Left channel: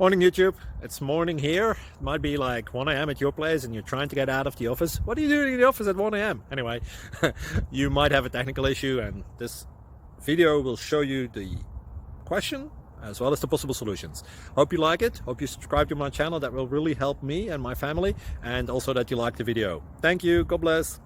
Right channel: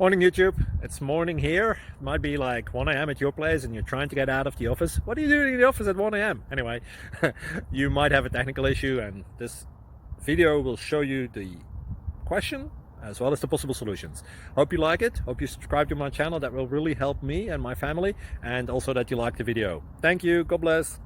Morning YouTube, it's morning here. It might be like 1 a.m. at your place and you're trying to get out of the office. What are you doing in the office at 1 a.m.? Anyway, you might have a technical issue and this video will show you the question as well as the possible solutions. Hope you like it, hope you subscribe to my channel. That will really help me and my family, and also that you like the video. Thank you, God bless.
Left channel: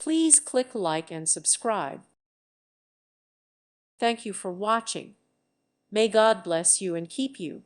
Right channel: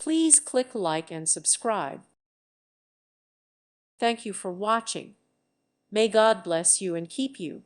Please click like and subscribe. Thank you for watching. May God bless you and keep you.